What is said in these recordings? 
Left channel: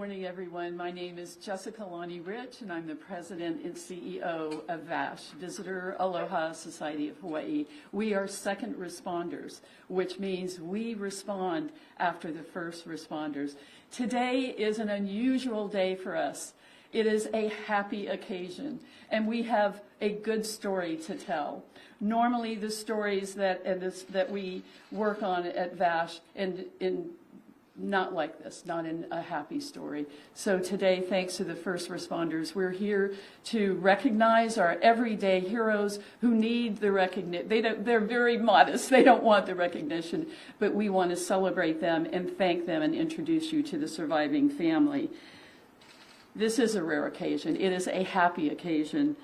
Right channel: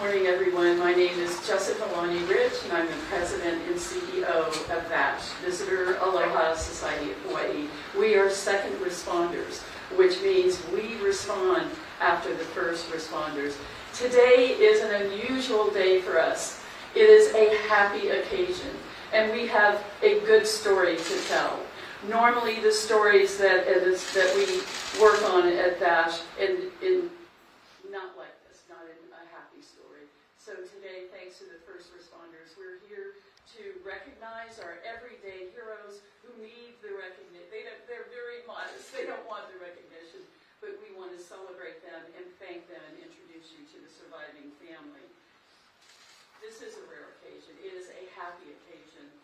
morning, everyone. My name is Jessica Lonnie-Rich, and I'm the President and CEO of VASH, Visitor Aloha Society of Hawaii. We are second responders, which means we respond after the first responders. Today is an unusual day for us. It is a happy occasion, and we have a good story to tell. Normally, the stories that we work on at VASH in not like this, not in a happy story. So today, thanks to the first responders, we're here to recognize our everyday heroes who need the recognition. They're very modest. They don't want the recognition, but we want to celebrate them and thank them and introduce you to the surviving family. This is a rare occasion. It is a happy occasion.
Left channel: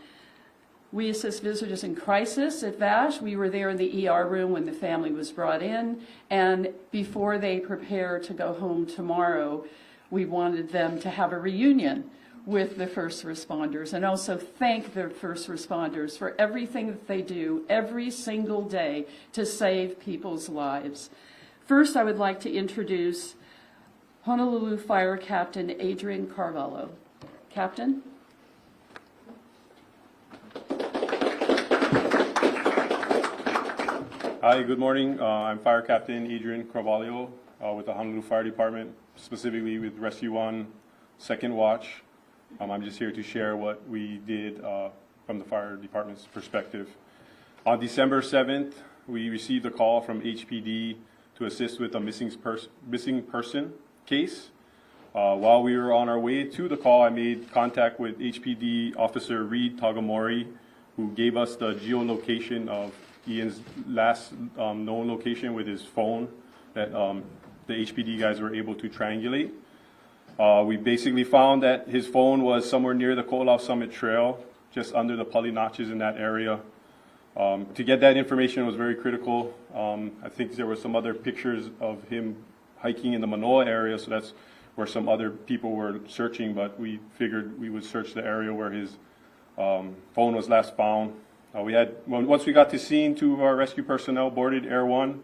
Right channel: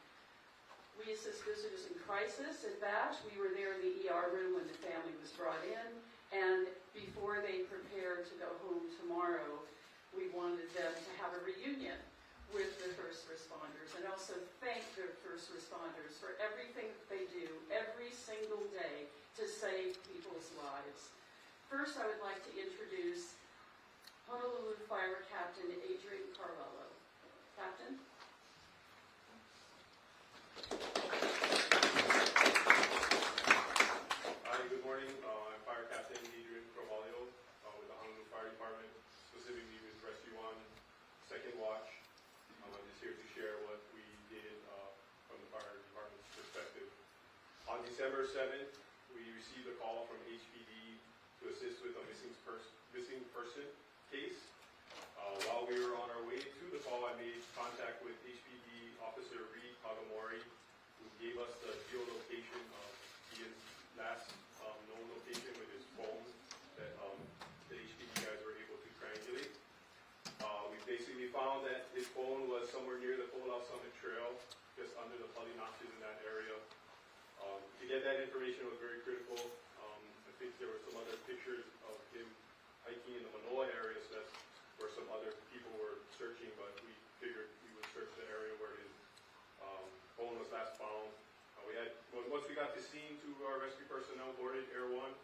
We assist visitors in crisis at VASH. We were there in the ER room when the family was brought in, and before they prepare to go home tomorrow, we wanted them to have a reunion with the first responders and also thank the first responders for everything that they do every single day to save people's lives. First, I would like to introduce Honolulu Fire Captain Adrian Carvalho. Captain? Hi, good morning. I'm Fire Captain Adrian Carvalho with the Honolulu Fire Department, specifically with Rescue 1 Second Watch. I'm just here to share what we did from the Fire Department's perspective. On December 7th, we received a call from HPD to assist with a missing person case. While we were on our way to the call, I made contact with HPD Officer Reed Tagamori, who gave us the geolocation of Ian's last known location with his phone that the HPD guys were able to triangulate. We basically found that his phone was somewhere near the Koolau Summit Trail, just under the Pali Notches in that area. To get that information was very critical. I think there were some other pictures of him hiking in the Manoa area, so that's where some other people were searching, but we figured we would search the area where his phone was last found. Once we got to scene, 2 of our rescue personnel boarded Air 1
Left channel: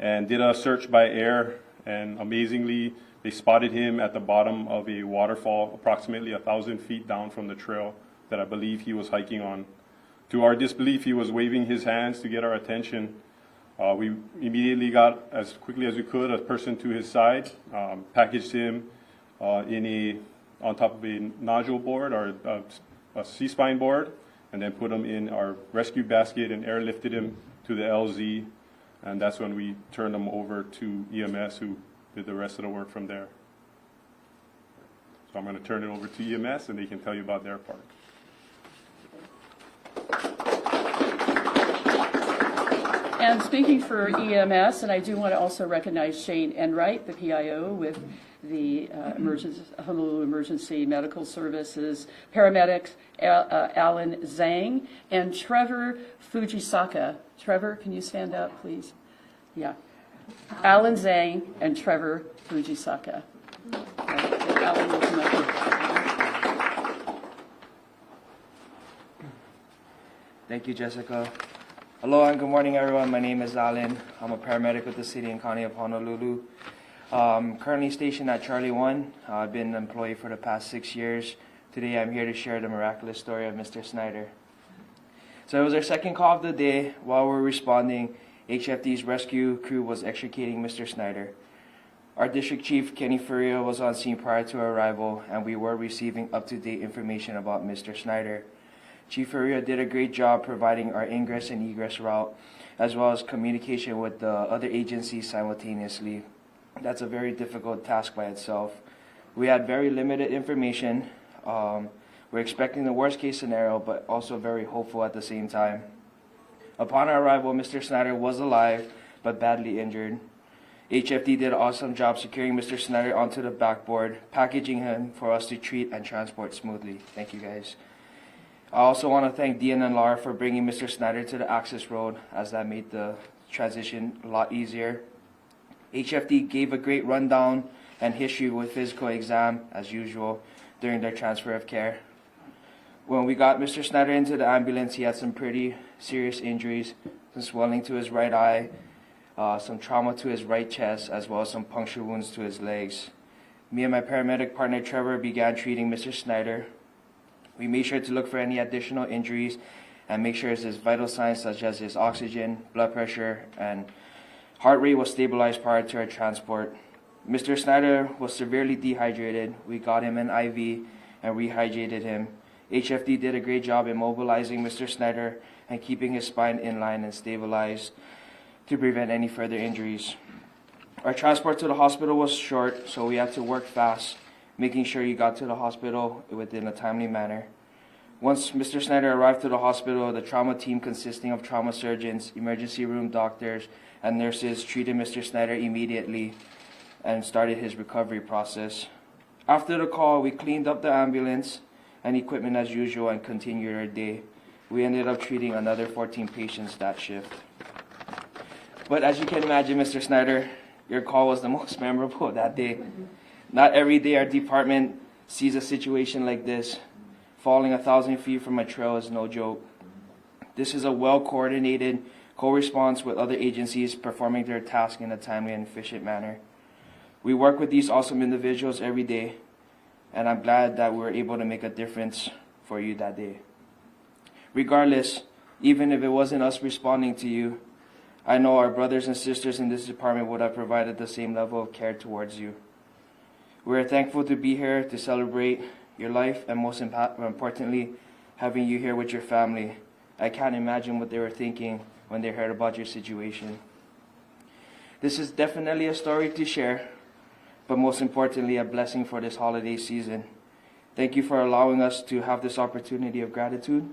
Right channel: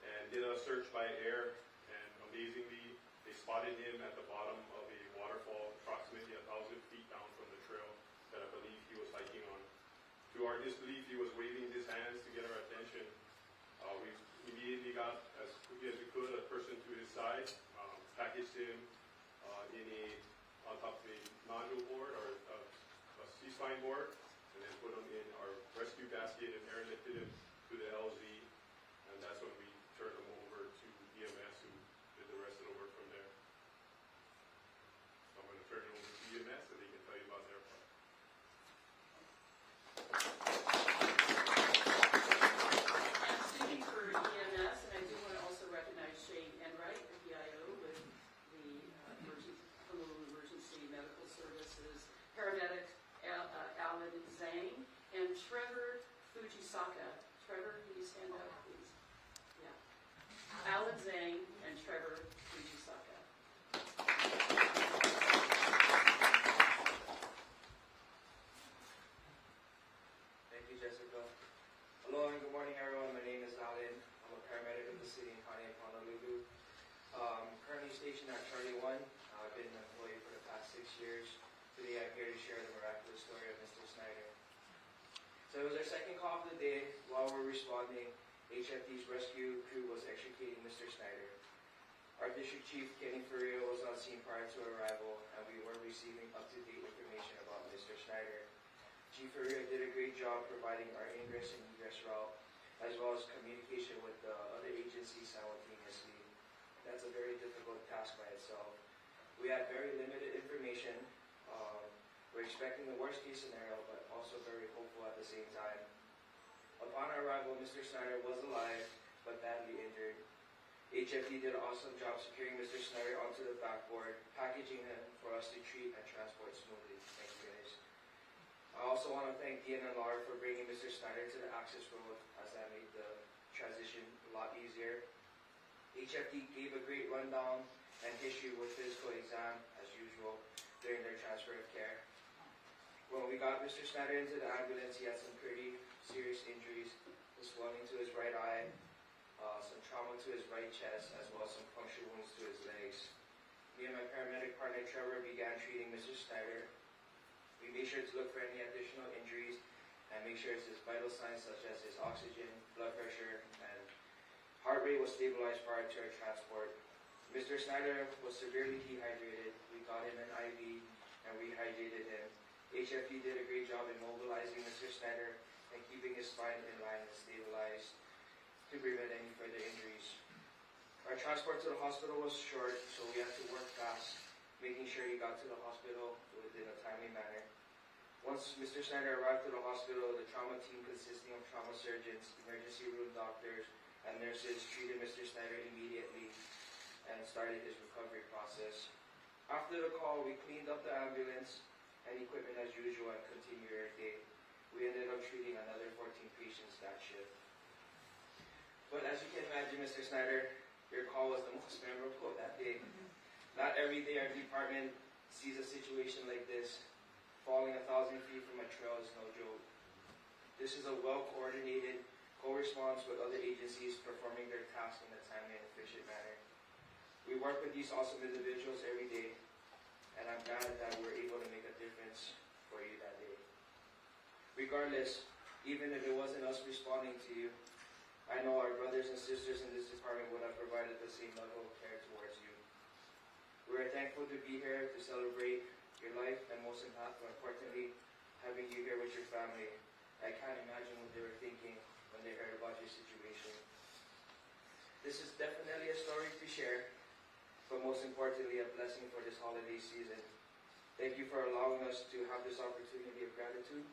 and did a search by air, and amazingly, they spotted him at the bottom of a waterfall approximately 1,000 feet down from the trail that I believe he was hiking on. To our disbelief, he was waving his hands to get our attention. We immediately got, as quickly as we could, a person to his side, packaged him on top of a nodule board or a C-spine board, and then put him in our rescue basket and airlifted him to the LZ, and that's when we turned him over to EMS, who did the rest of the work from there. So I'm going to turn it over to EMS, and they can tell you about their part. And speaking for EMS, and I do want to also recognize Shane Enright, the PIO with the Honolulu Emergency Medical Services, paramedics Alan Zhang, and Trevor Fujisaka. Trevor, can you stand up, please? Yeah. Alan Zhang and Trevor Fujisaka. Alan will come up. Thank you, Jessica. Hello and good morning, everyone. My name is Alan. I'm a paramedic with the City and County of Honolulu. Currently stationed at Charlie 1. I've been an employee for the past 6 years. Today I'm here to share the miraculous story of Mr. Snyder. So it was our second call of the day. While we were responding, HFD's rescue crew was extricating Mr. Snyder. Our district chief, Kenny Furia, was on scene prior to our arrival, and we were receiving up-to-date information about Mr. Snyder. Chief Furia did a great job providing our ingress and egress route, as well as communication with the other agencies simultaneously. That's a very difficult task by itself. We had very limited information. We're expecting the worst case scenario, but also very hopeful at the same time. Upon our arrival, Mr. Snyder was alive, but badly injured. HFD did an awesome job securing Mr. Snyder onto the backboard, packaging him for us to treat and transport smoothly. Thank you, guys. I also want to thank Dean and Laura for bringing Mr. Snyder to the access road, as that made the transition a lot easier. HFD gave a great rundown and history with physical exam, as usual, during their transfer of care. When we got Mr. Snyder into the ambulance, he had some pretty serious injuries, some swelling to his right eye, some trauma to his right chest, as well as some puncture wounds to his legs. me and my paramedic partner Trevor began treating Mr. Snyder. We made sure to look for any additional injuries and make sure his vital signs such as his oxygen, blood pressure, and heart rate was stabilized prior to our transport. Mr. Snyder was severely dehydrated. We got him an IV and rehydrated him. HFD did a great job immobilizing Mr. Snyder and keeping his spine in line and stabilized to prevent any further injuries. Our transport to the hospital was short, so we had to work fast, making sure he got to the hospital within a timely manner. Once Mr. Snyder arrived to the hospital, the trauma team consisting of trauma surgeons, emergency room doctors, and nurses treated Mr. Snyder immediately and started his recovery process. After the call, we cleaned up the ambulance and equipment as usual and continued our day. We ended up treating another 14 patients that shift. But as you can imagine, Mr. Snyder, your call was the most memorable that day. Not every day our department sees a situation like this. Falling 1,000 feet from a trail is no joke. This is a well-coordinated co-response with other agencies performing their task in a timely and efficient manner. We work with these awesome individuals every day, and I'm glad that we were able to make a difference for you that day. Regardless, even if it wasn't us responding to you, I know our brothers and sisters in this department would have provided the same level of care towards you. We are thankful to be here to celebrate your life and most importantly, having you here with your family. I can't imagine what they were thinking when they heard about your situation. This is definitely a story to share, but most importantly, a blessing for this holiday season. Thank you for allowing us to have this opportunity of gratitude.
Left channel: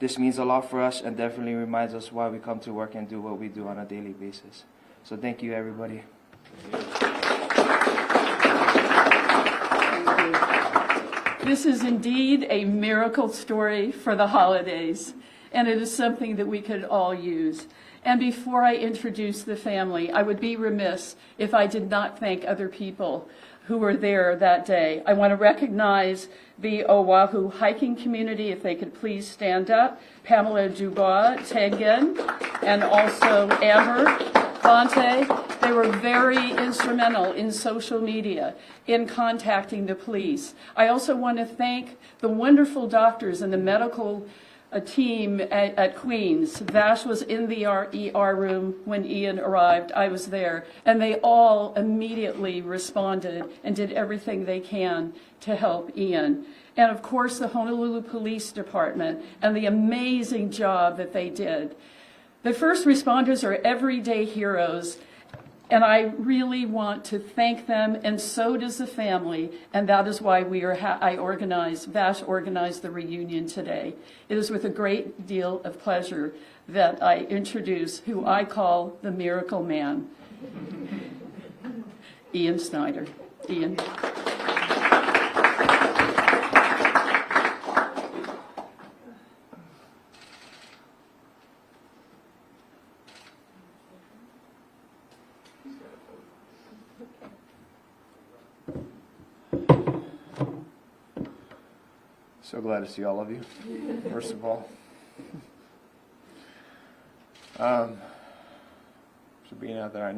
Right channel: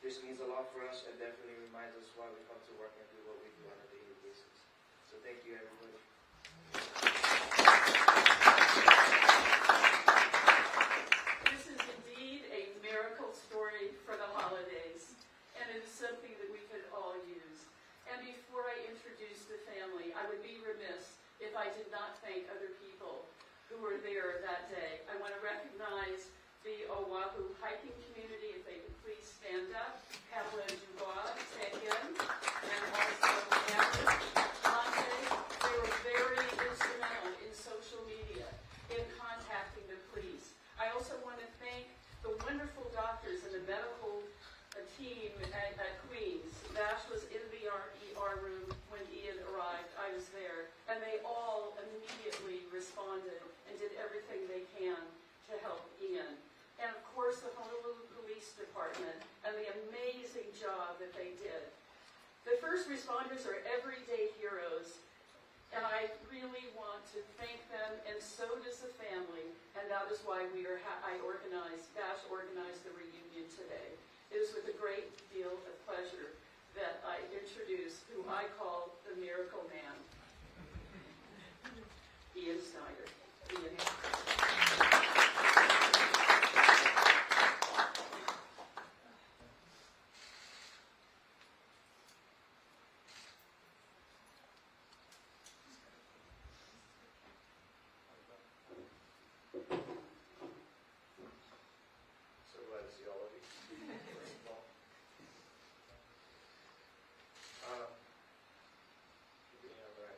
This means a lot for us and definitely reminds us why we come to work and do what we do on a daily basis. So thank you, everybody. This is indeed a miracle story for the holidays, and it is something that we could all use. And before I introduce the family, I would be remiss if I did not thank other people who were there that day. I want to recognize the Oahu hiking community, if they could please stand up. Pamela Dubois, Tengen, and also Amber Conte. They were very instrumental in social media, in contacting the police. I also want to thank the wonderful doctors and the medical team at Queens. Vash was in the ER room when Ian arrived. I was there. And they all immediately responded and did everything they can to help Ian. And of course, the Honolulu Police Department and the amazing job that they did. The first responders are everyday heroes, and I really want to thank them, and so does the family, and that is why Vash organized the reunion today. It is with a great deal of pleasure that I introduce who I call the Miracle Man, Ian Snyder. Ian. So glad to see all of you, first of all. So being out there, I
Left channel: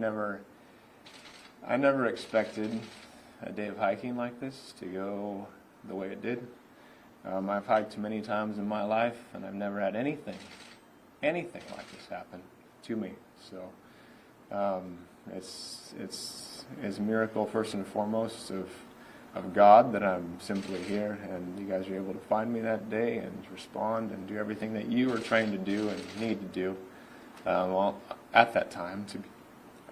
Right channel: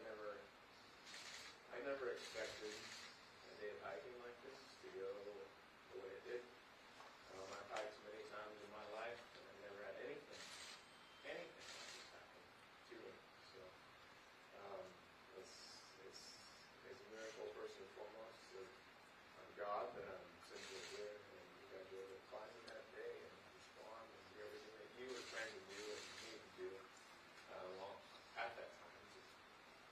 never expected a day of hiking like this to go the way it did. I've hiked many times in my life, and I've never had anything like this happen to me. So it's a miracle first and foremost of God that I'm simply here, and you guys were able to find me that day and respond and do everything that you were trained to do and need to do at that time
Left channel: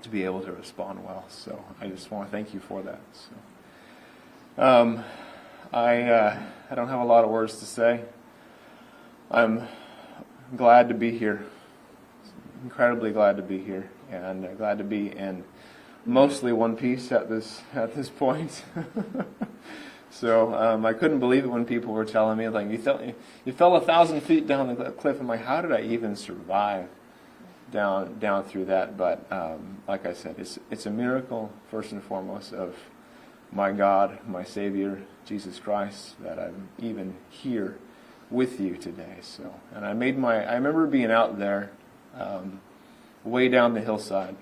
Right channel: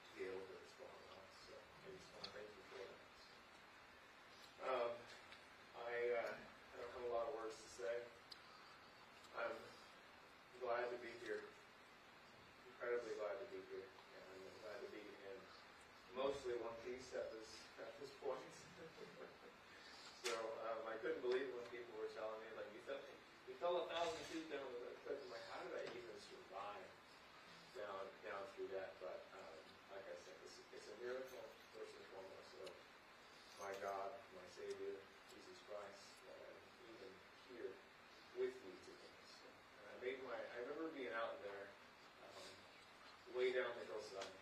to be able to respond well. So I just want to thank you for that. So I don't have a lot of words to say. I'm glad to be here, incredibly glad to be here, and glad to be in mostly one piece at this point. So I couldn't believe it when people were telling me, like, you fell 1,000 feet down the cliff. I'm like, how did I even survive down through that? But like I said, it's a miracle first and foremost of my God, my Savior, Jesus Christ, that I'm even here with you today. So, and I remember being out there way down the hillside.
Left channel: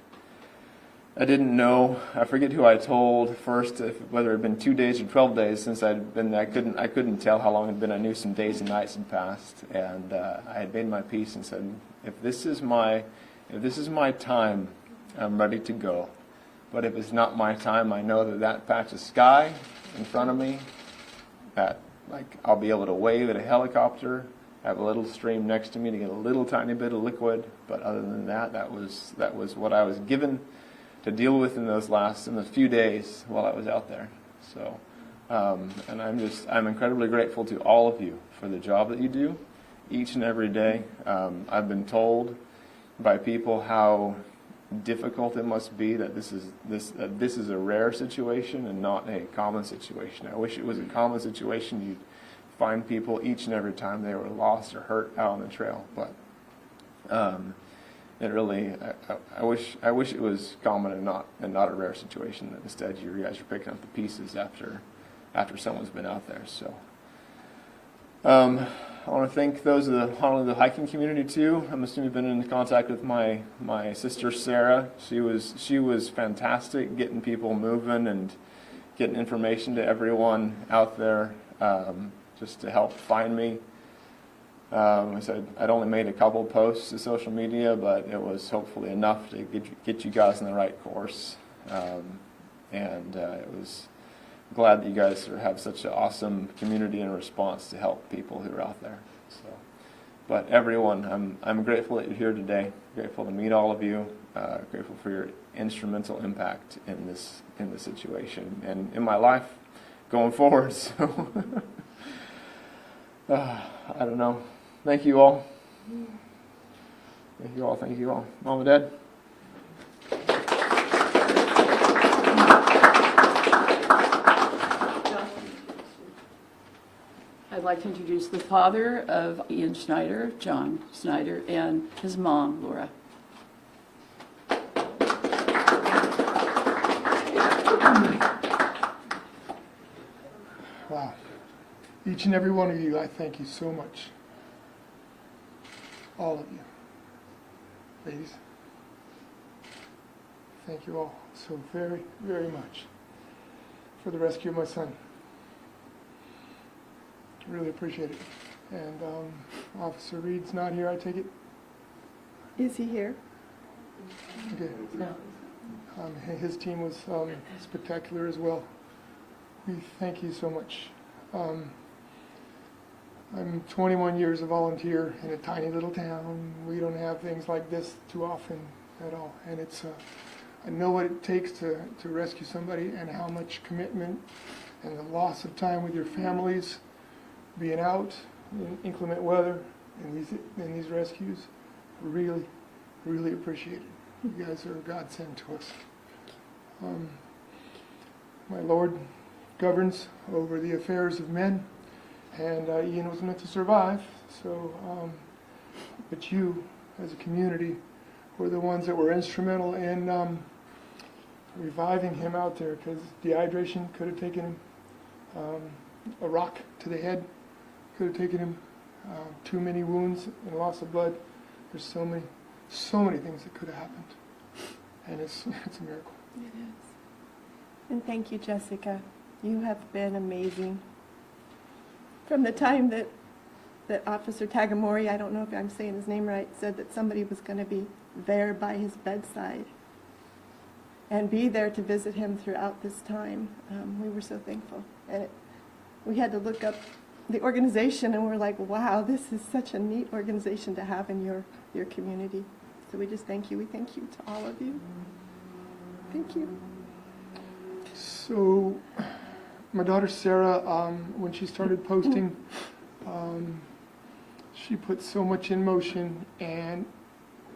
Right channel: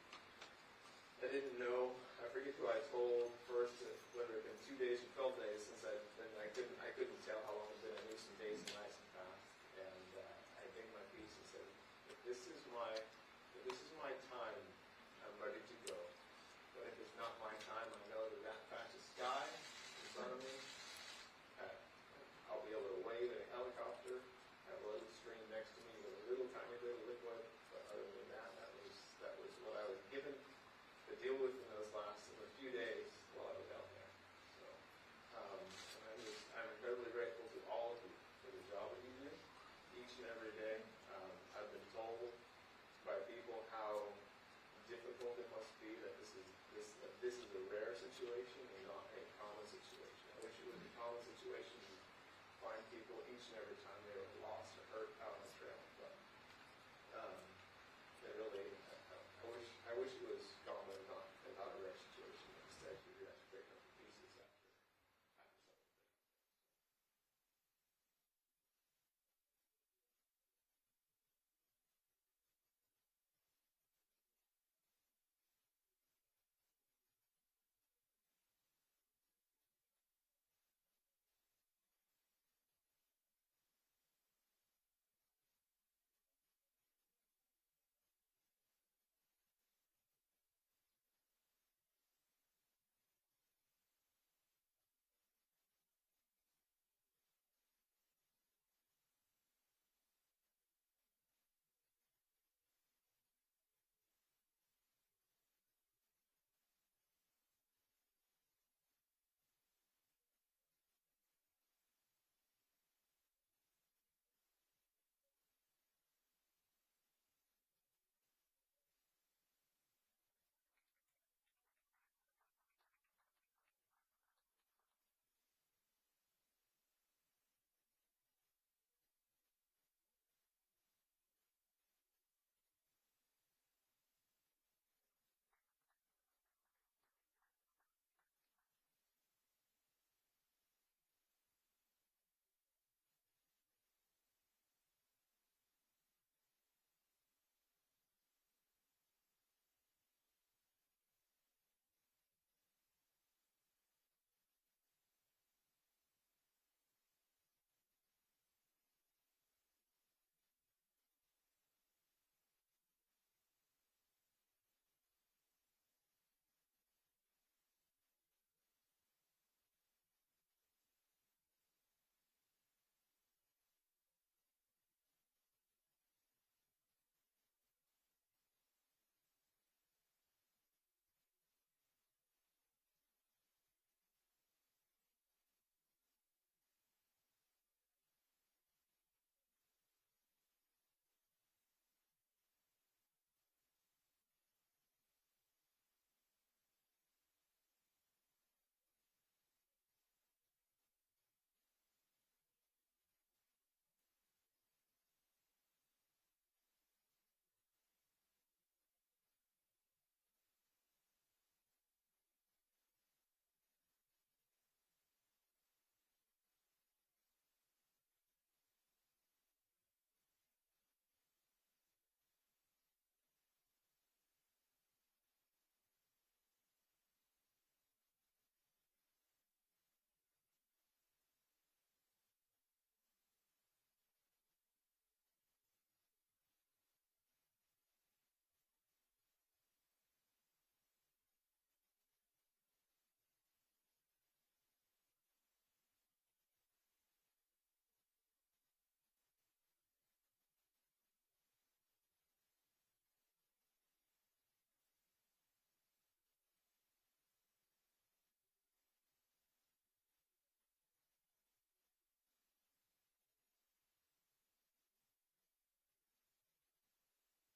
I didn't know. I forget who I told first, whether it had been 2 days or 12 days since I'd been. I couldn't tell how long it had been. I knew some days and nights had passed, and I had made my peace and said, if this is my time, I'm ready to go. But if it's not my time, I know that patch of sky in front of me, that I'll be able to wave at a helicopter, have a little stream next to me to get a little tiny bit of liquid. But other than that, that was what I was given to deal with in the few days while I was out there. So, and I'm incredibly grateful to all of you for the job that you do each and every day. I've been told by people how difficult it must be that this is a rare situation and not a common situation. I wish it was a common situation. You'd find people each and every time they were lost or hurt out on the trail, but it really, I wish it was common and not a rare situation. That instead you guys are picking up the pieces after someone's been out there. So I want to thank those of the Honolulu hiking community too. I'm assuming you've been in contact with my sister Sarah. She was fantastic getting people moving and getting information to everyone out there, just to help find me. I said I'd only made a couple posts to social media, but it was hopefully enough to get you guys in the right course. And it was glad that you guys have such an awesome community and response to help people who are out there. So, but everyone, I'm grateful that you're here today. Grateful to meet all of you. Grateful for your instrumental impact in this situation and in my life going forward. So, I don't know. Thank you all. Thank you all. Thank you all. Mom and Dad. I'd like to introduce the father of Ian Snyder, John Snyder, and his mom, Laura. Wow. Each and every one of you, I thank you so much. All of you. Ladies, thank you all so very, very much for the rescue of my son. Really appreciate it. And Officer Reed's not here, I take it? Is he here? Okay. His team was spectacular as well. We thank you so much. I'm 21 years a volunteer in a tiny little town. We don't have things like this too often at all. And it's, I know what it takes to rescue somebody and how much commitment and the loss of time with your families, being out in inclement weather in these rescues. Really, really appreciate it. You guys are a godsend to us. My Lord governs over the affairs of men, and Ian was meant to survive, so, but you, as a community, were the ones that were instrumental in reviving him out there, because dehydration could have taken him, a rock to the head could have taken him, too many wounds and loss of blood. There's so many things that could have happened, and it's a miracle. It is. And thank you, Jessica. You have been amazing. From the time that Officer Tagamori, I don't know if I'm saying his name right, said that somebody was going to be there by his bedside and be there to visit him throughout this time, we were so thankful. And we had to look up the organization, and we're like, wow, this is such a neat organization to have in your community. So we just thank you. We thank you to all of you. Thank you. So, my daughter Sarah, when she started posting, she put so much in motion, and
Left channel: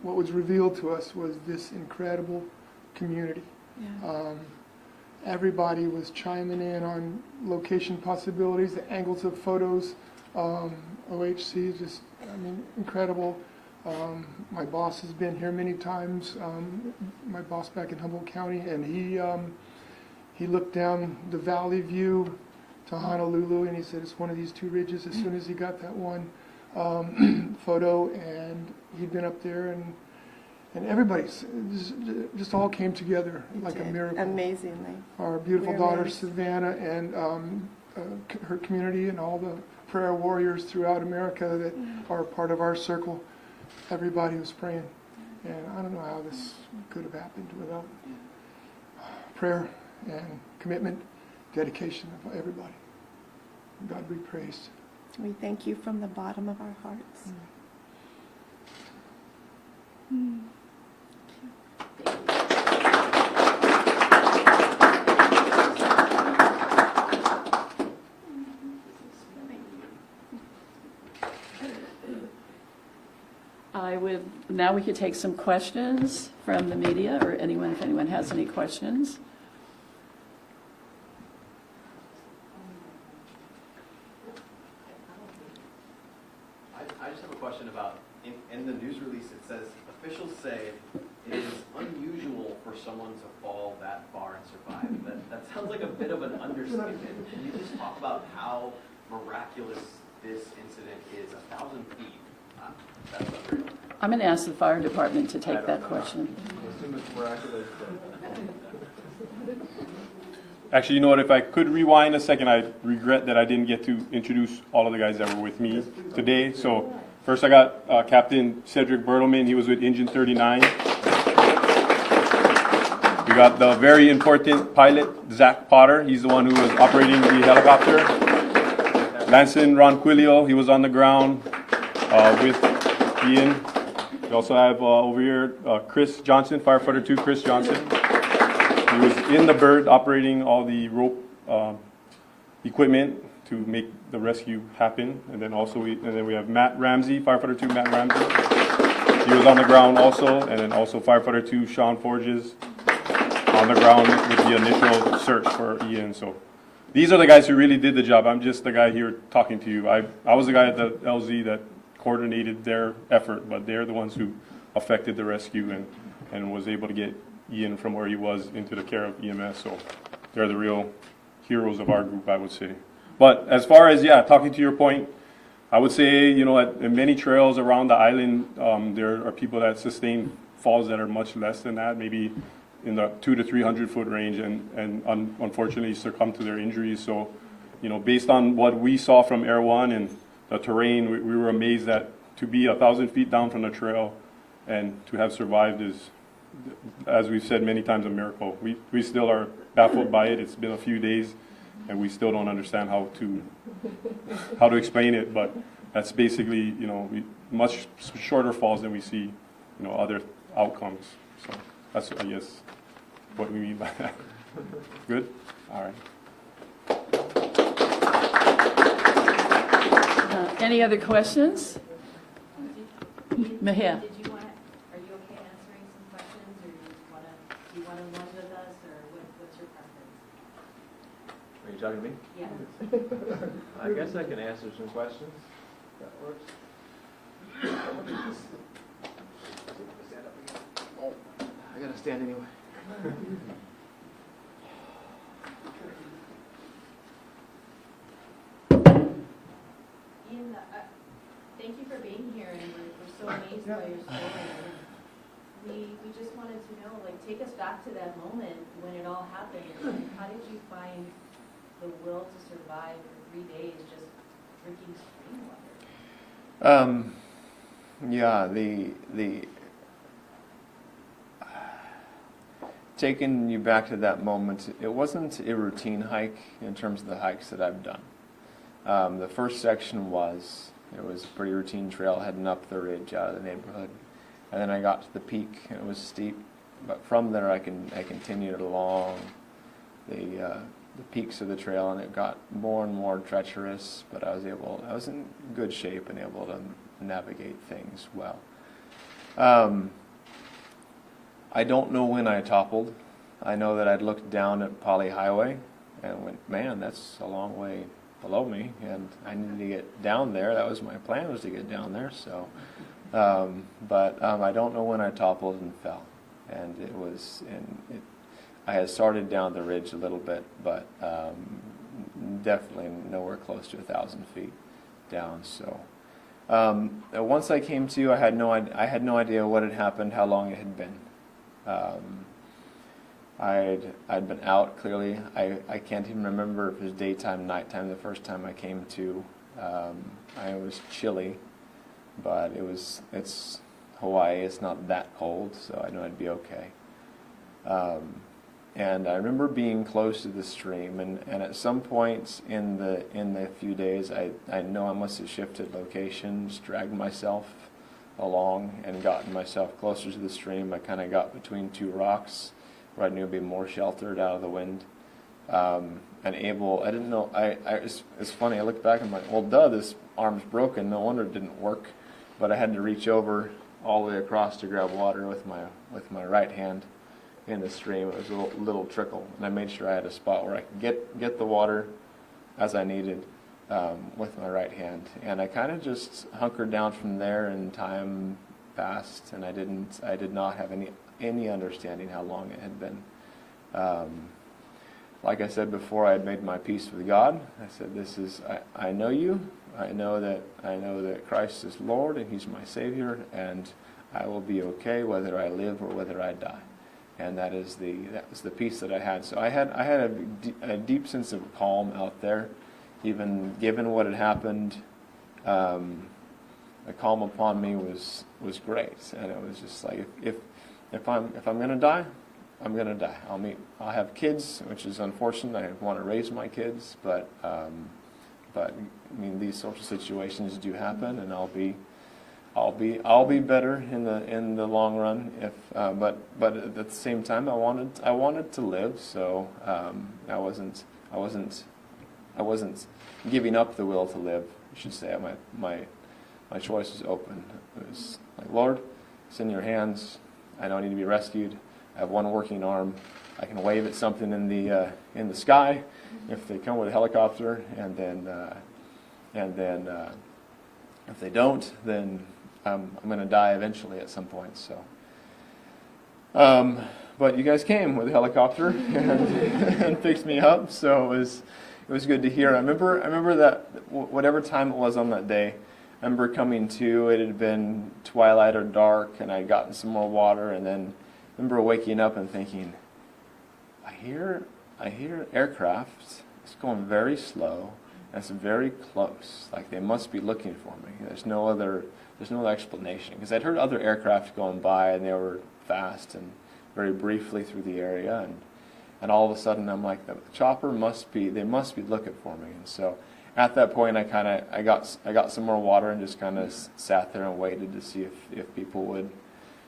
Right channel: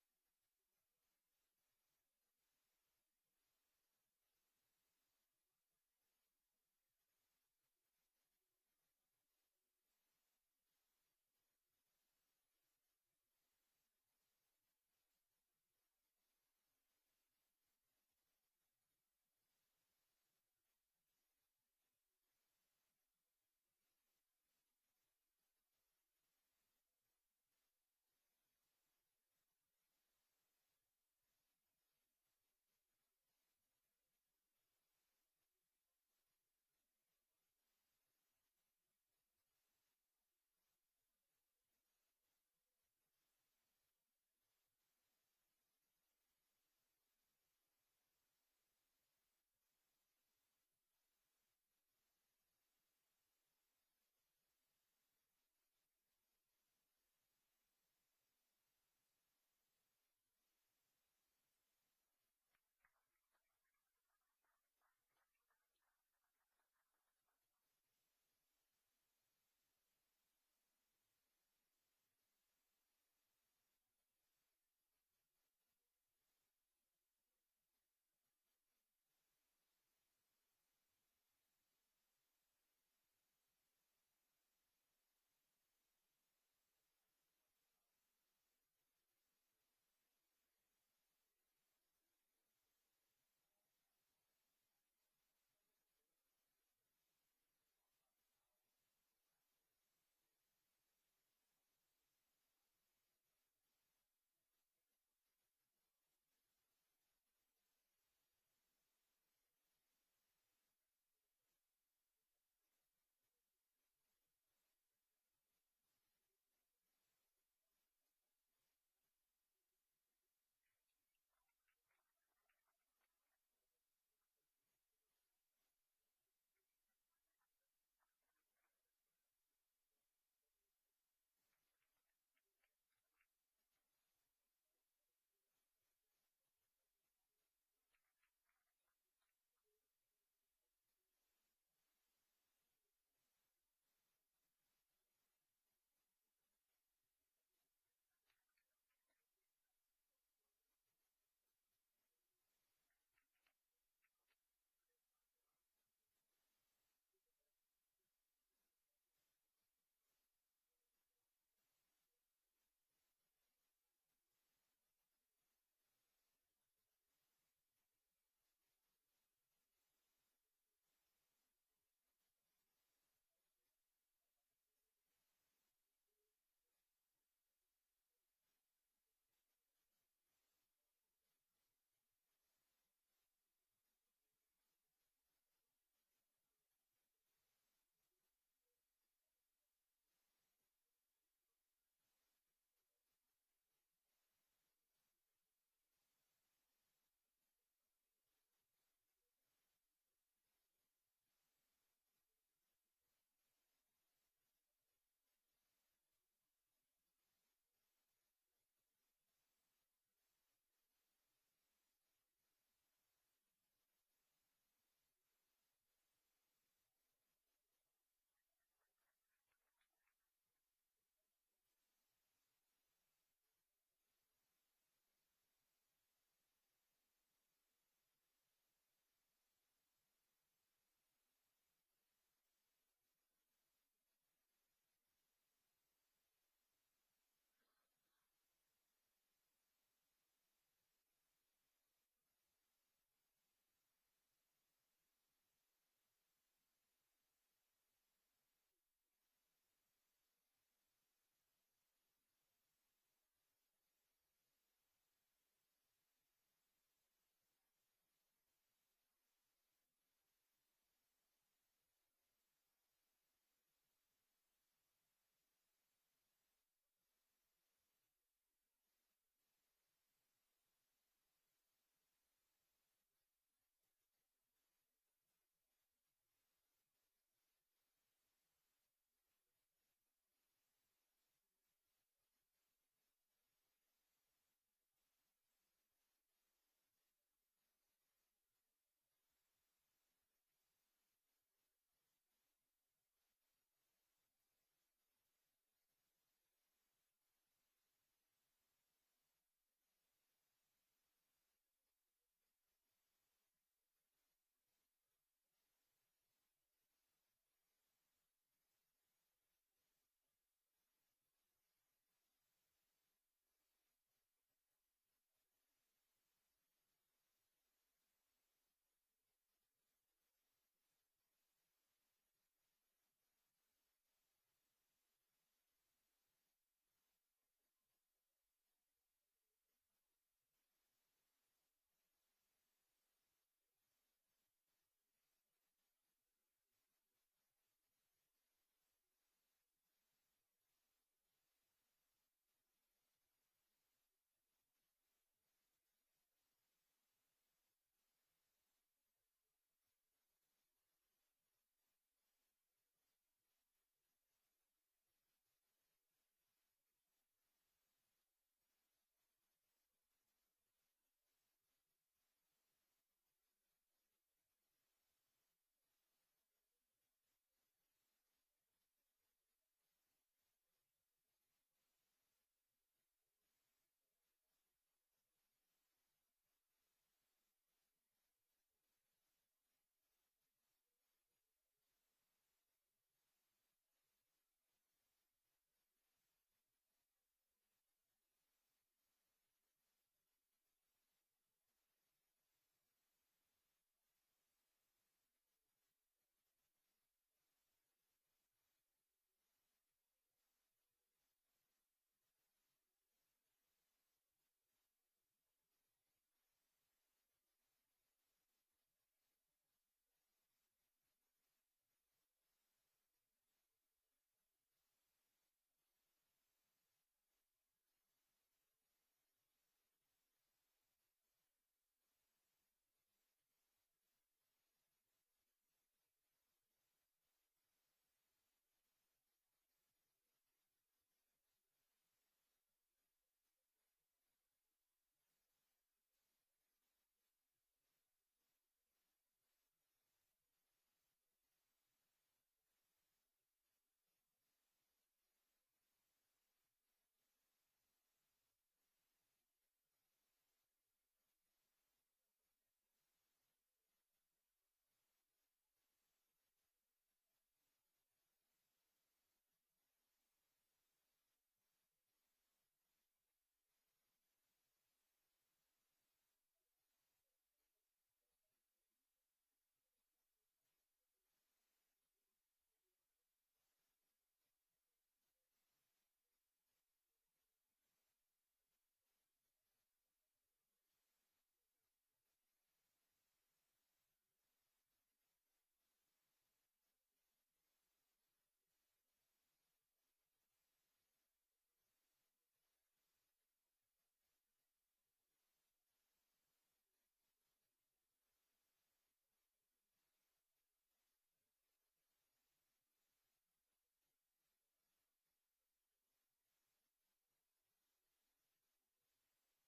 what was revealed to us was this incredible community. Yeah. Everybody was chiming in on location possibilities, the angles of photos. OHC is just, I mean, incredible. My boss has been here many times, my boss back in Humboldt County, and he looked down the valley view to Honolulu, and he said it's one of these two ridges as soon as he got that one photo, and he'd been up there, and And everybody's, just all came together You like a did, miracle. amazingly. Our beautiful We're daughter amazed. Savannah and her community and all the prayer warriors throughout America that are part of our circle. Everybody was praying. And I don't know how this could have happened without prayer and commitment, dedication of everybody. God be praised. We thank you from the bottom of our hearts. Now we could take some questions from the media or anyone, if anyone has any questions. I just have a question about, in the news release, it says, officials say it is unusual for someone to fall that far and survive. That sounds like a bit of an understatement. Can you just talk about how miraculous this incident is? 1,000 feet. That's unreal. I'm going to ask the fire department to take that question. Actually, you know what, if I could rewind a second, I regret that I didn't get to introduce all of the guys that were with me today. So first I got Captain Cedric Bertelman, he was with Engine 39. We got the very important pilot, Zach Potter, he's the one who was operating the helicopter. Lanson Ronquillo, he was on the ground with Ian. We also have over here Chris Johnson, firefighter 2, Chris Johnson. He was in the bird operating all the rope equipment to make the rescue happen. And then also we have Matt Ramsey, firefighter 2, Matt Ramsey. He was on the ground also, and then also firefighter 2, Sean Forges, on the ground with the initial search for Ian. So these are the guys who really did the job. I'm just the guy here talking to you. I was the guy at the LZ that coordinated their effort, but they're the ones who affected the rescue and was able to get Ian from where he was into the care of EMS. So they're the real heroes of our group, I would say. But as far as, talking to your point, I would say, at many trails around the island, there are people that sustain falls that are much less than that, maybe in the 200 to 300 foot range, and unfortunately succumb to their injuries. So, based on what we saw from Air One and the terrain, we were amazed that to be 1,000 feet down from the trail and to have survived is, as we've said many times, a miracle. We still are baffled by it. It's been a few days, and we still don't understand how to explain it. But that's basically, much shorter falls than we see, other outcomes. So that's, I guess, what we mean by that. Good? All right. Any other questions? Mahia. Are you okay answering some questions, or do you want to run with us, or what's your preference? Are you talking to me? Yeah. I guess I can answer some questions. That works. I gotta stand anyway. Ian, thank you for being here, and we're so amazed by your story. We just wanted to know, take us back to that moment when it all happened. How did you find the will to survive for 3 days just drinking spring water? The taking you back to that moment, it wasn't a routine hike in terms of the hikes that I've done. The first section it was a pretty routine trail heading up the ridge out of the neighborhood. And then I got to the peak, and it was steep. But from there, I continued along the peaks of the trail, and it got more and more treacherous. But I was in good shape and able to navigate things well. I don't know when I toppled. I know that I'd looked down at Poly Highway and went, man, that's a long way below me, and I needed to get down there. That was my plan, was to get down there. So, but I don't know when I toppled and fell, and I had started down the ridge a little bit, but definitely nowhere close to 1,000 feet down. So, Once I came to, I had no idea what had happened, how long it had been. I'd been out clearly. I can't even remember if it was daytime, nighttime the first time I came to. I was chilly, but it's Hawaii. It's not that cold, so I know I'd be okay. And I remember being close to the stream, and at some points in the few days, I know I must have shifted locations, dragged myself along, and gotten myself closer to the stream. I kind of got between two rocks where I knew I'd be more sheltered out of the wind, and able. I didn't know. It's funny. I look back and I'm like, well, duh, this arm's broken. No wonder it didn't work. But I had to reach over all the way across to grab water with my right hand in the stream. It was a little trickle, and I made sure I had a spot where I could get the water as I needed with my right hand. And I kind of just hunkered down from there, and time passed, and I did not have any understanding how long it had been. Like I said before, I had made my peace with God. I said, I know you. I know that Christ is Lord and He's my Savior, and I will be okay whether I live or whether I die. And that was the peace that I had. So I had a deep sense of calm out there, even given what had happened. The calm upon me was great, and it was just like if I'm going to die, I'm going to die. I'll have kids, which is unfortunate. I want to raise my kids, but I mean, these social situations do happen, and I'll be better in the long run. But at the same time, I wanted to live, so I wasn't giving up the will to live. I should say my choice was open. It was like, Lord, it's in your hands. I don't need to be rescued. I have one working arm. I can wave at something in the sky if they come with a helicopter, and then if they don't, then I'm going to die eventually at some point. So, but you guys came with a helicopter and picked me up, so it was good to hear. I remember that whatever time it was on that day, I remember coming to. It had been twilight or dark, and I'd gotten some more water, and then I remember waking up and thinking, I hear aircraft. It's going very slow. And it's very close. Like they must be looking for me. There's no other explanation, because I'd heard other aircraft going by, and they were fast and very briefly through the area, and all of a sudden I'm like, the chopper must be looking for me. And so at that point I got some more water and just kind of sat there and waited to see if people would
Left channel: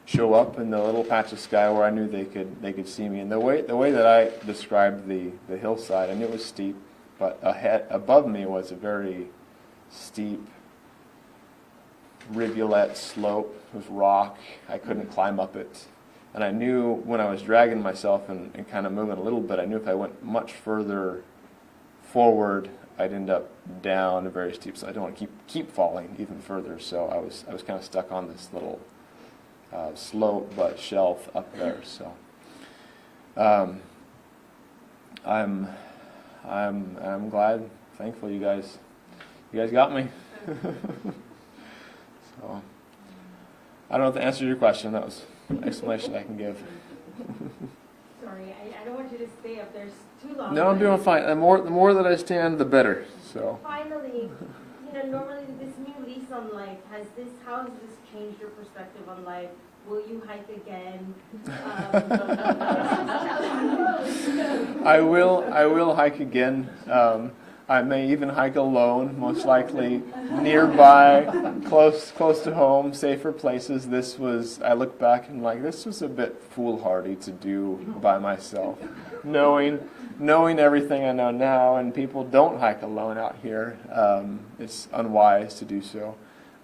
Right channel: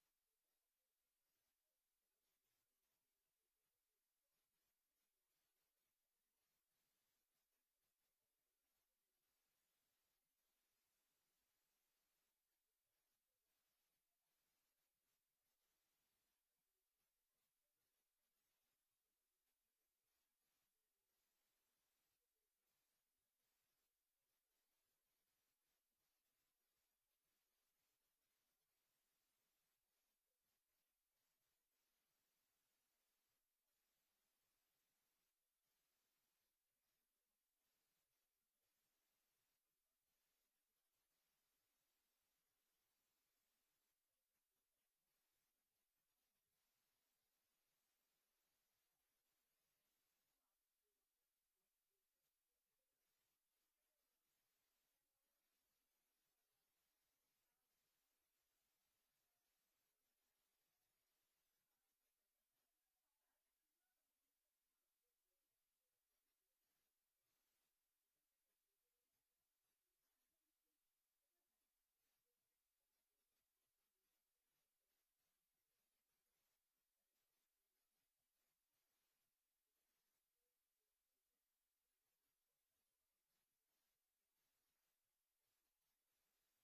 show up in the little patch of sky where I knew they could see me. And the way that I described the hillside, I knew it was steep, but above me was a very steep rivulet slope. It was rock. I couldn't climb up it. And I knew when I was dragging myself and kind of moving a little bit, I knew if I went much further forward, I'd end up down a very steep. So I don't want to keep falling even further. So I was kind of stuck on this little slope but shelf up there. So I'm glad, thankful you guys got me. So I don't know if that answers your question. That was an explanation I can give. Sorry, I don't want you to stay up there too long. No, I'm doing fine. The more that I stand, the better. So finally, normally this new lease on life, how has this changed your perspective on life? Will you hike again? I will hike again. I may even hike alone, most likely nearby, close to home, safer places. I look back and this was a bit foolhardy to do by myself, knowing everything I know now, and people don't hike alone out here. It's unwise to do so.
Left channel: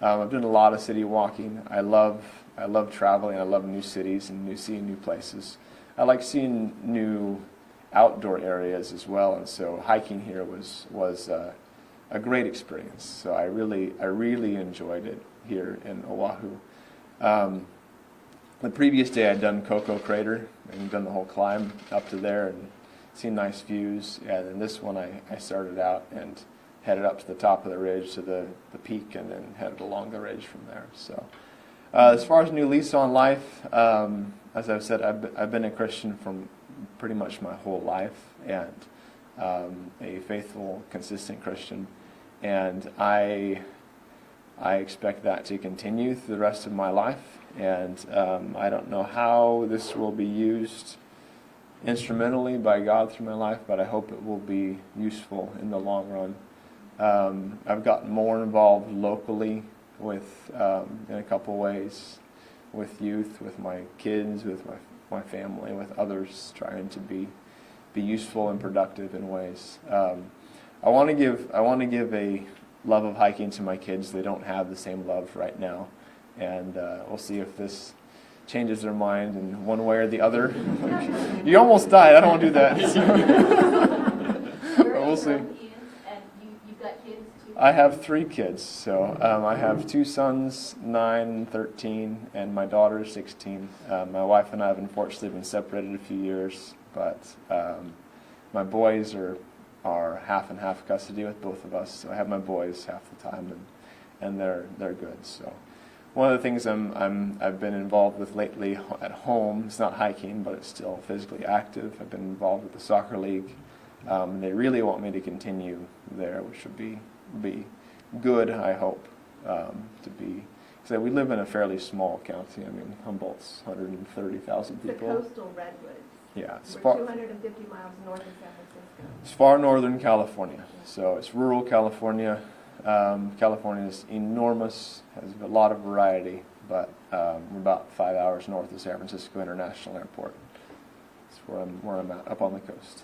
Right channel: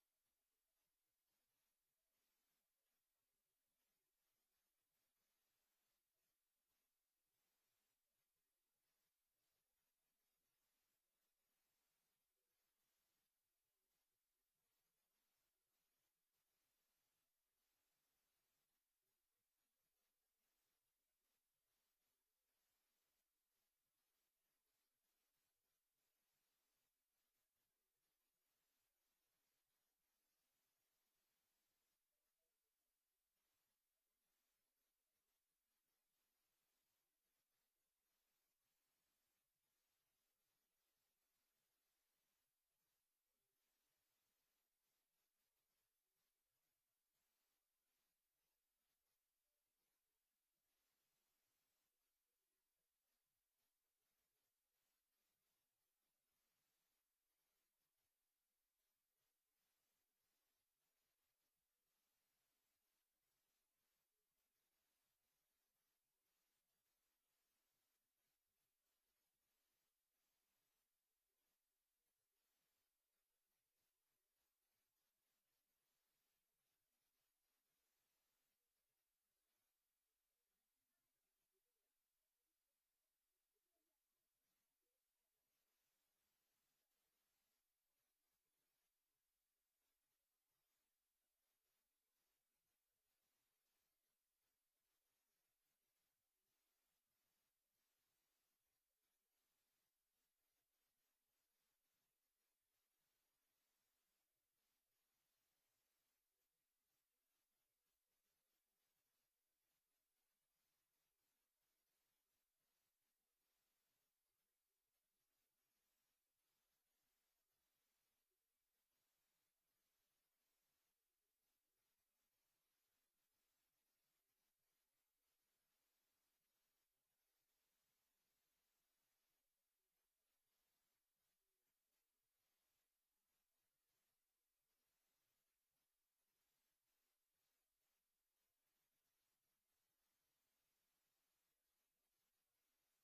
I've done a lot of city walking. I love traveling. I love new cities and seeing new places. I like seeing new outdoor areas as well, and so hiking here was a great experience. So I really enjoyed it here in Oahu. The previous day I'd done Cocoa Crater and done the whole climb up to there and seen nice views. And then this one I started out and headed up to the top of the ridge to the peak, and then headed along the ridge from there. So as far as new lease on life, as I've said, I've been a Christian from pretty much my whole life, and a faithful, consistent Christian, and I expect that to continue through the rest of my life. And I don't know how this will be used instrumentally by God through my life, but I hope it will be useful in the long run. I've gotten more involved locally with, in a couple ways, with youth, with my kids, with my family, with others, trying to be useful and productive in ways. I want to give a love of hiking to my kids. They don't have the same love right now, and we'll see if this changes their mind in one way or the other. Like, you almost died. I don't want to do that. But we'll see. And you've got kids too? I have 3 kids. So I have 2 sons, 9, 13, and my daughter is 16. My wife and I have unfortunately been separated a few years, but my boys are half and half custody with both of us. So I have my boys half the time, and they're good. So one of the things I've been involved with lately at home, it's not hiking, but it's still physically active. I've been involved with the soccer league. And they really want me to continue there, which would be good, I hope, to be. So we live in a fairly small county. I mean, Humboldt's 130,000 The people. coastal redwoods. Yeah, it's We're far, 250 miles north of San Francisco. it's far northern California. So it's rural California. California is enormous, has a lot of variety, but we're about 5 hours north of San Francisco International Airport. That's where I'm at, up on the coast.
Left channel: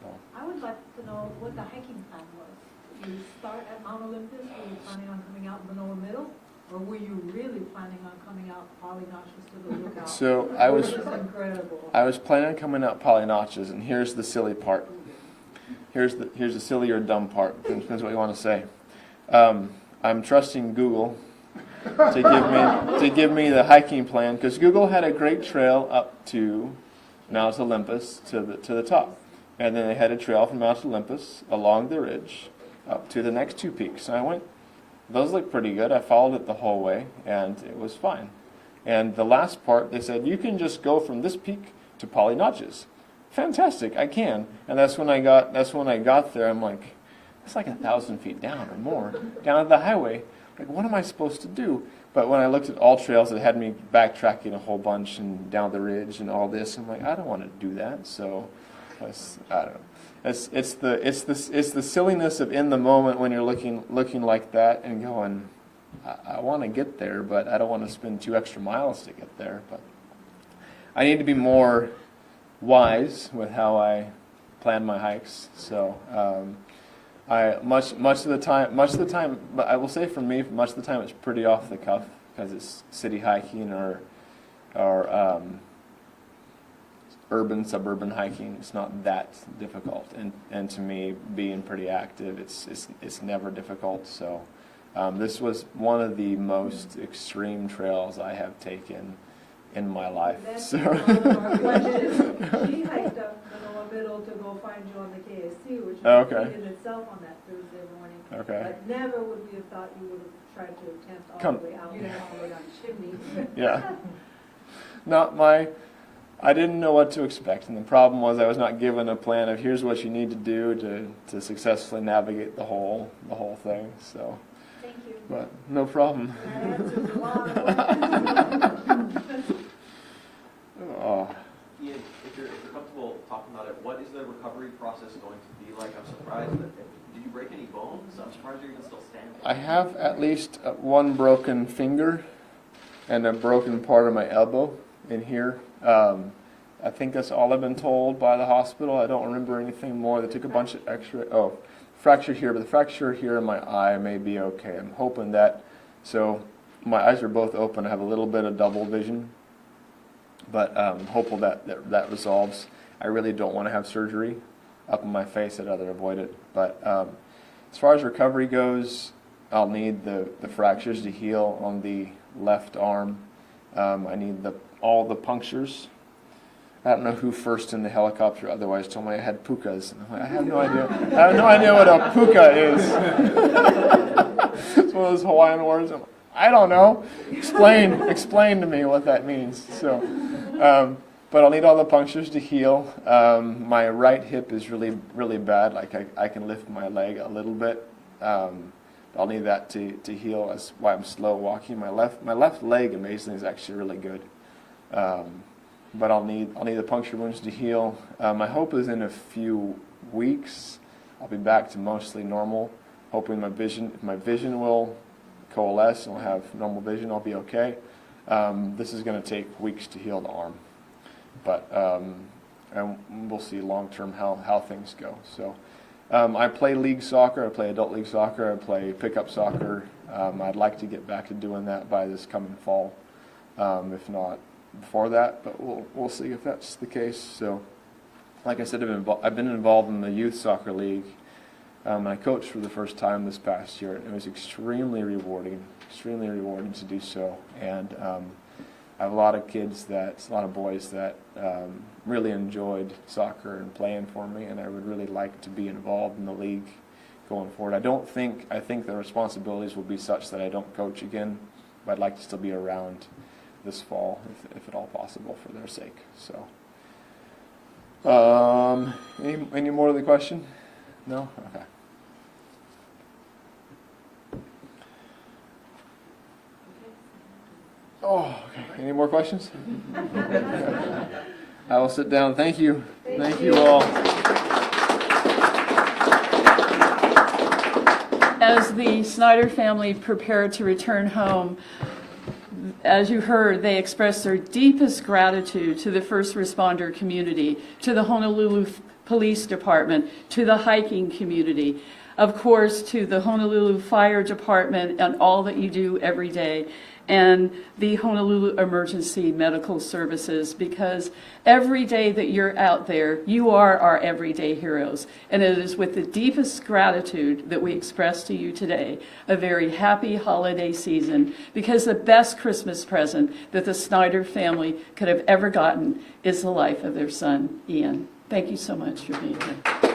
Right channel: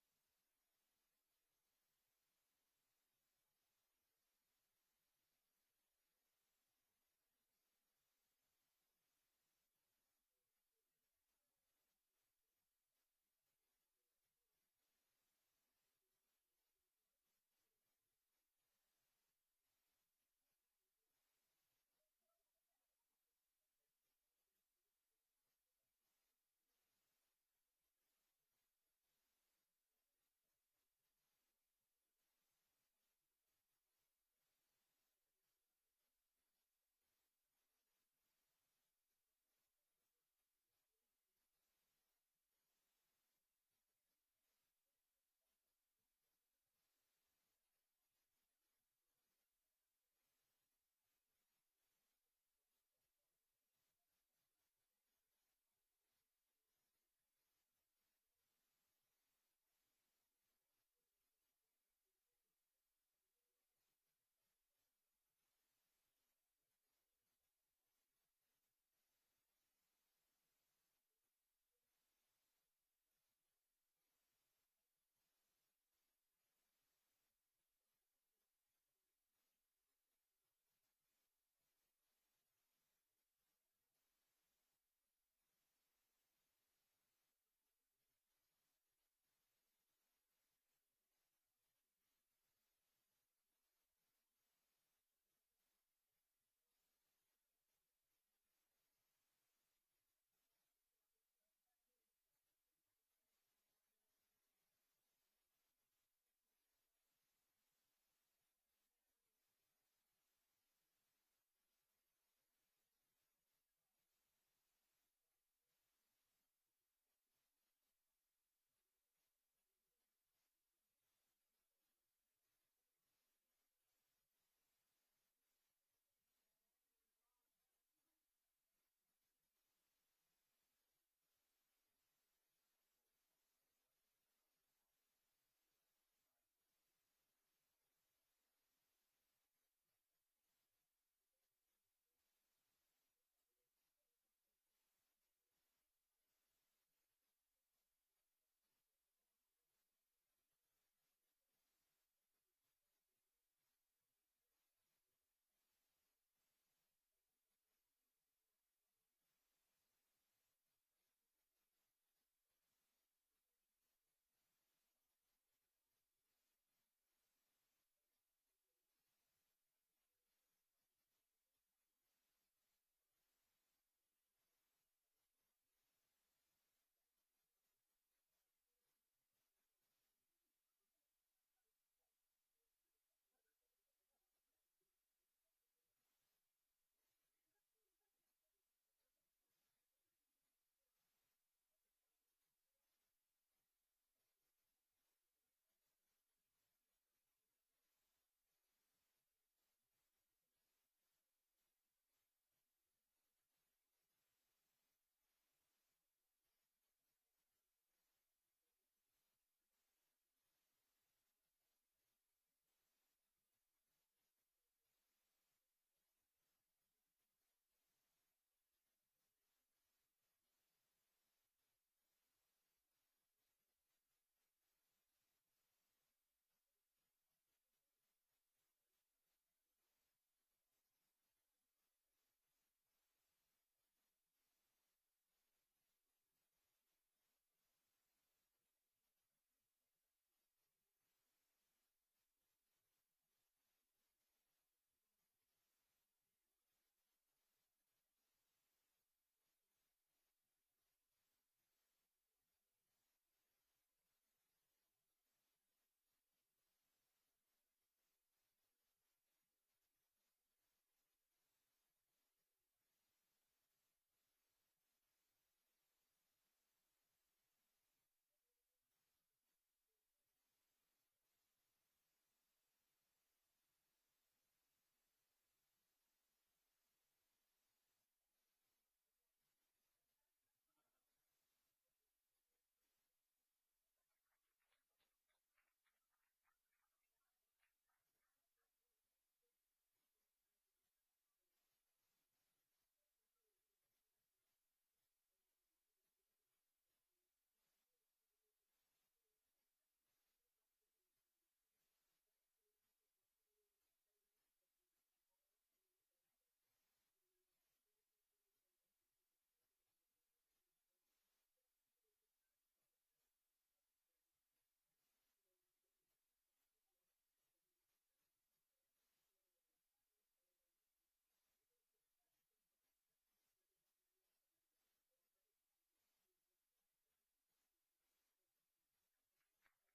So. I would like to know what the hiking plan was. Did you start at Mount Olympus? Were you planning on coming out in Manoa Middle? Or were you really planning on coming out Polynotches to the lookout? So Which is incredible. I was planning on coming out Polynotches, and here's the silly part. Here's the silly or dumb part. Depends what you want to say. I'm trusting Google to give me the hiking plan, because Google had a great trail up to Mount Olympus to the top, and then they had a trail from Mount Olympus along the ridge up to the next 2 peaks. And I went, those look pretty good. I followed it the whole way, and it was fine. And the last part, they said, you can just go from this peak to Polynotches. Fantastic, I can. And that's when I got there. I'm like, it's like 1,000 feet down or more, down at the highway. Like, what am I supposed to do? But when I looked at all trails, it had me backtracking a whole bunch and down the ridge and all this. I'm like, I don't want to do that. So, I don't know. It's the silliness of in the moment when you're looking like that and going, I want to get there, but I don't want to spend 2 extra miles to get there. But I need to be more wise with how I plan my hikes. So much of the time, but I will say for me, much of the time it's pretty off the cuff, because it's city hiking or urban, suburban hiking. It's not that difficult, and to me, being pretty active, it's never difficult. So this was one of the most extreme trails I have taken in my life. That's So. one of our questions. She hiked up Manoa Middle to go find you on the KSC, which Oh, was okay. in itself on that Thursday morning. Okay. But never would we have thought you would have tried to attempt all Come- the way out. You didn't all the way down Chimney. Yeah. I didn't know what to expect, and the problem was I was not given a plan of here's what you need to do to successfully navigate the whole thing. So, Thank you. but no problem. That answers a lot of questions. Oh, Ian, if you're comfortable talking about it, what is the recovery process going to be like? I'm surprised that, did you break any bones? I'm surprised you're even still standing. I have at least 1 broken finger and a broken part of my elbow in here. I think that's all I've been told by the hospital. I don't remember anything more. They took a bunch of x-ray. Oh, fracture here, but the fracture here in my eye may be okay. I'm hoping that. So my eyes are both open. I have a little bit of double vision, but hopeful that resolves. I really don't want to have surgery up in my face. I'd rather avoid it. But as far as recovery goes, I'll need the fractures to heal on the left arm. I need all the punctures. I don't know who first in the helicopter otherwise told me I had pukas. And I'm like, I have no idea. I have no idea what a puka is. It's one of those Hawaiian words. I'm like, I don't know. Explain to me what that means. So, but I'll need all the punctures to heal. My right hip is really bad. Like I can lift my leg a little bit. I'll need that to heal. That's why I'm slow walking. My left leg, amazingly, is actually really good. But I'll need the puncture wounds to heal. My hope is in a few weeks I'll be back to mostly normal. Hoping if my vision will coalesce and I'll have normal vision, I'll be okay. This is going to take weeks to heal the arm, but and we'll see long term how things go. So I play league soccer. I play adult league soccer. I play pickup soccer. I'd like to get back to doing that by this coming fall, if not before that, but we'll see if that's the case. So, like I said, I've been involved in the youth soccer league. I coached for the first time this past year, and it was extremely rewarding to do so. And I have a lot of boys that really enjoyed soccer and playing for me, and I would really like to be involved in the league going forward. I think the responsibilities will be such that I don't coach again, but I'd like to still be around this fall, if at all possible, for their sake. So, any more of the question? No? Okay. Oh, okay. Any more questions? I will sit down. Thank you. Thank you all. As the Snyder family prepared to return home, as you heard, they expressed their deepest gratitude to the first responder community, to the Honolulu Police Department, to the hiking community, of course, to the Honolulu Fire Department and all that you do every day, and the Honolulu Emergency Medical Services, because every day that you're out there, you are our everyday heroes. And it is with the deepest gratitude that we express to you today a very happy holiday season, because the best Christmas present that the Snyder family could have ever gotten is the life of their son, Ian. Thank you so much for being here.